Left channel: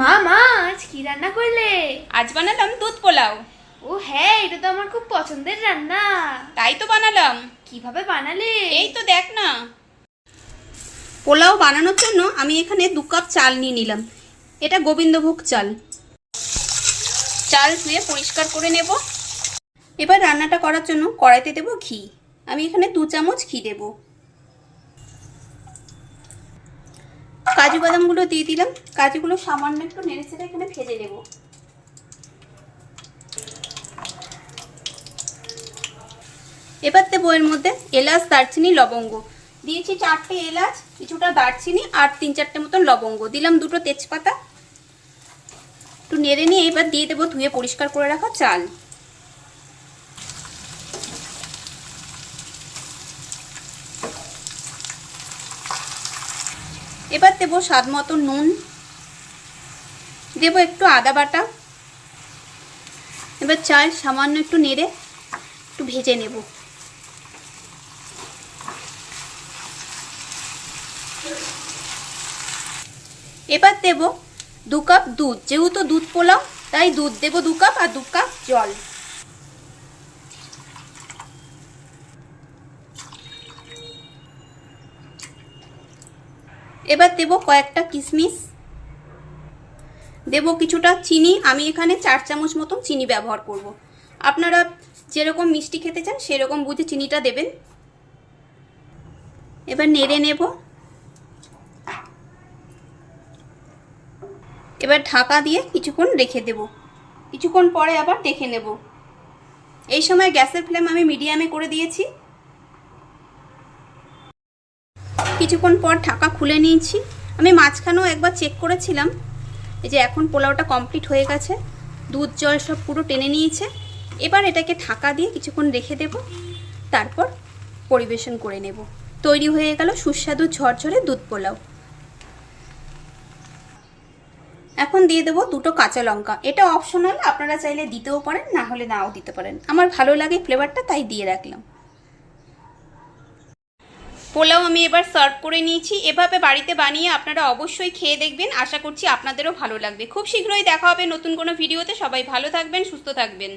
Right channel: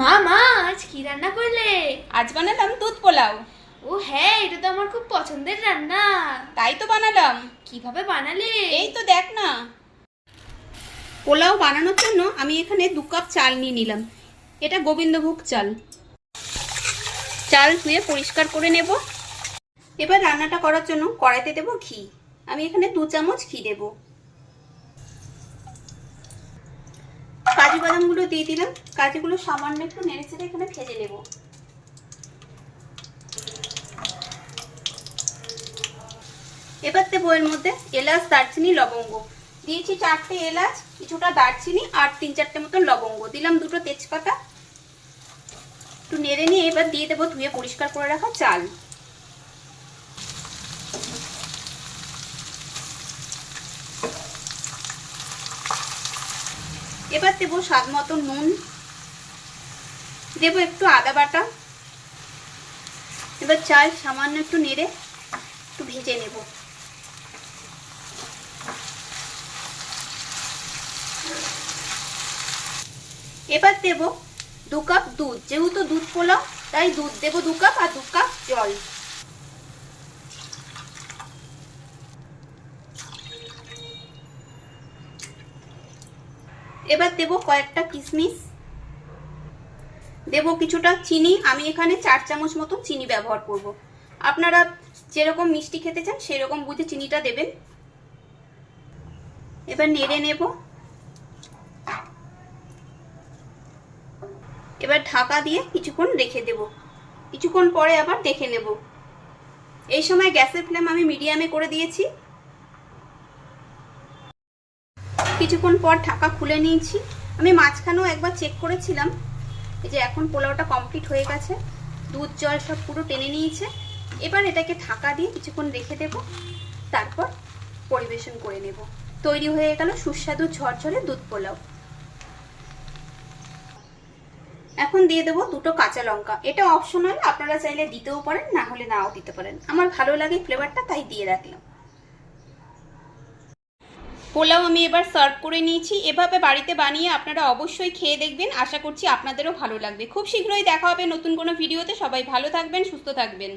মা মা আজ কি রান্না করলে? আজ বানালাম দুধ পোলাও। ও হ্যাঁ, এটা তো আমার খুব পছন্দের রান্না। তাই তো বানালাম। কিভাবে বানালে? এই তো দেখ না। পোলাও বানানোর জন্য আমি এখানে 2 কাপ চাল নিয়ে নিলাম। এটা গোবিন্দভোগ চাল। চাল ধুয়ে পরিষ্কার করে নেব। এবার রান্নাটা করার জন্য কড়াইতে দেব ঘি। আমি এখানে 2 চামচ ঘি দেব। কাজু বাদামগুলো দিয়ে দিলাম। কাজুগুলো সামান্য একটু নেড়েচেড়ে এখানে ভেজে নেব। এবার দেবো এর মধ্যে এলাচ, দারচিনি, লবঙ্গ। দিয়েছি 4টে এলাচ, কিছুটা দারচিনি আর 3-4টে মতন লবঙ্গ। দিলাম 2টো তেজপাতা। একটু নেড়ে নিয়ে এবার দিয়ে দেবো ধুয়ে পরিষ্কার করে রাখা চাল। এবার দেবো স্বাদ মতো নুন, দেবো একটু আদা বাটা। এবার চাল সামান্য একটু নেড়ে একটু ভেজে নেব। এবার দেব 2 কাপ দুধ। যেহেতু দুধ পোলাও তাই দুধ দেব 2 কাপ আর 2 কাপ জল। এবার দেব কয়েকটা কিশমিশ, দেব কিছুটা চিনি। আমি এখানে 4 চামচ মতন চিনি ব্যবহার করব। আপনারা যেরকম মিষ্টি খেতে চান সেরকম বুঝে চিনিটা দেবেন। এবার নেড়ে নেব। এবার ঢাকা দিয়ে কিছুক্ষণ রেখে দেব। কিছুক্ষণ পরে আবার দেখে নেব। এই সময় গ্যাসের ফ্লেম আমি মিডিয়ামে করে দিয়েছি। কিছুক্ষণ পর ঢাকা খুলে নিয়েছি। আমি মাঝখানেও একবার চেক করেছিলাম। এই যে এখন পোলাওটা কমপ্লিট হয়ে গেছে, দুধ জল সব পুরো টেনে নিয়েছে। এবার এটাকে ঢাকা দিয়ে কিছুক্ষণ রেখে দেব, তারপর পরিবেশন করে নেব। তৈরি হয়ে গেল সুস্বাদু ঝরঝরে দুধ পোলাও। এখন দিয়ে দেবো 2টো কাঁচা লঙ্কা। এটা অপশনাল, আপনারা চাইলে দিতেও পারেন, না হলে নাও দিতে পারেন। আমার ভালো লাগে ফ্লেভারটা, তাই দিয়ে রাখলাম। পোলাও আমি এবার সার্ভ করে নিয়েছি। এভাবে বাড়িতে বানিয়ে আপনারা অবশ্যই খেয়ে দেখবেন। আশা করছি আপনাদেরও ভালো লাগবে। খুব শীঘ্রই দেখা হবে নতুন কোনো ভিডিওতে। সবাই ভালো থাকবেন, সুস্থ থাকবেন।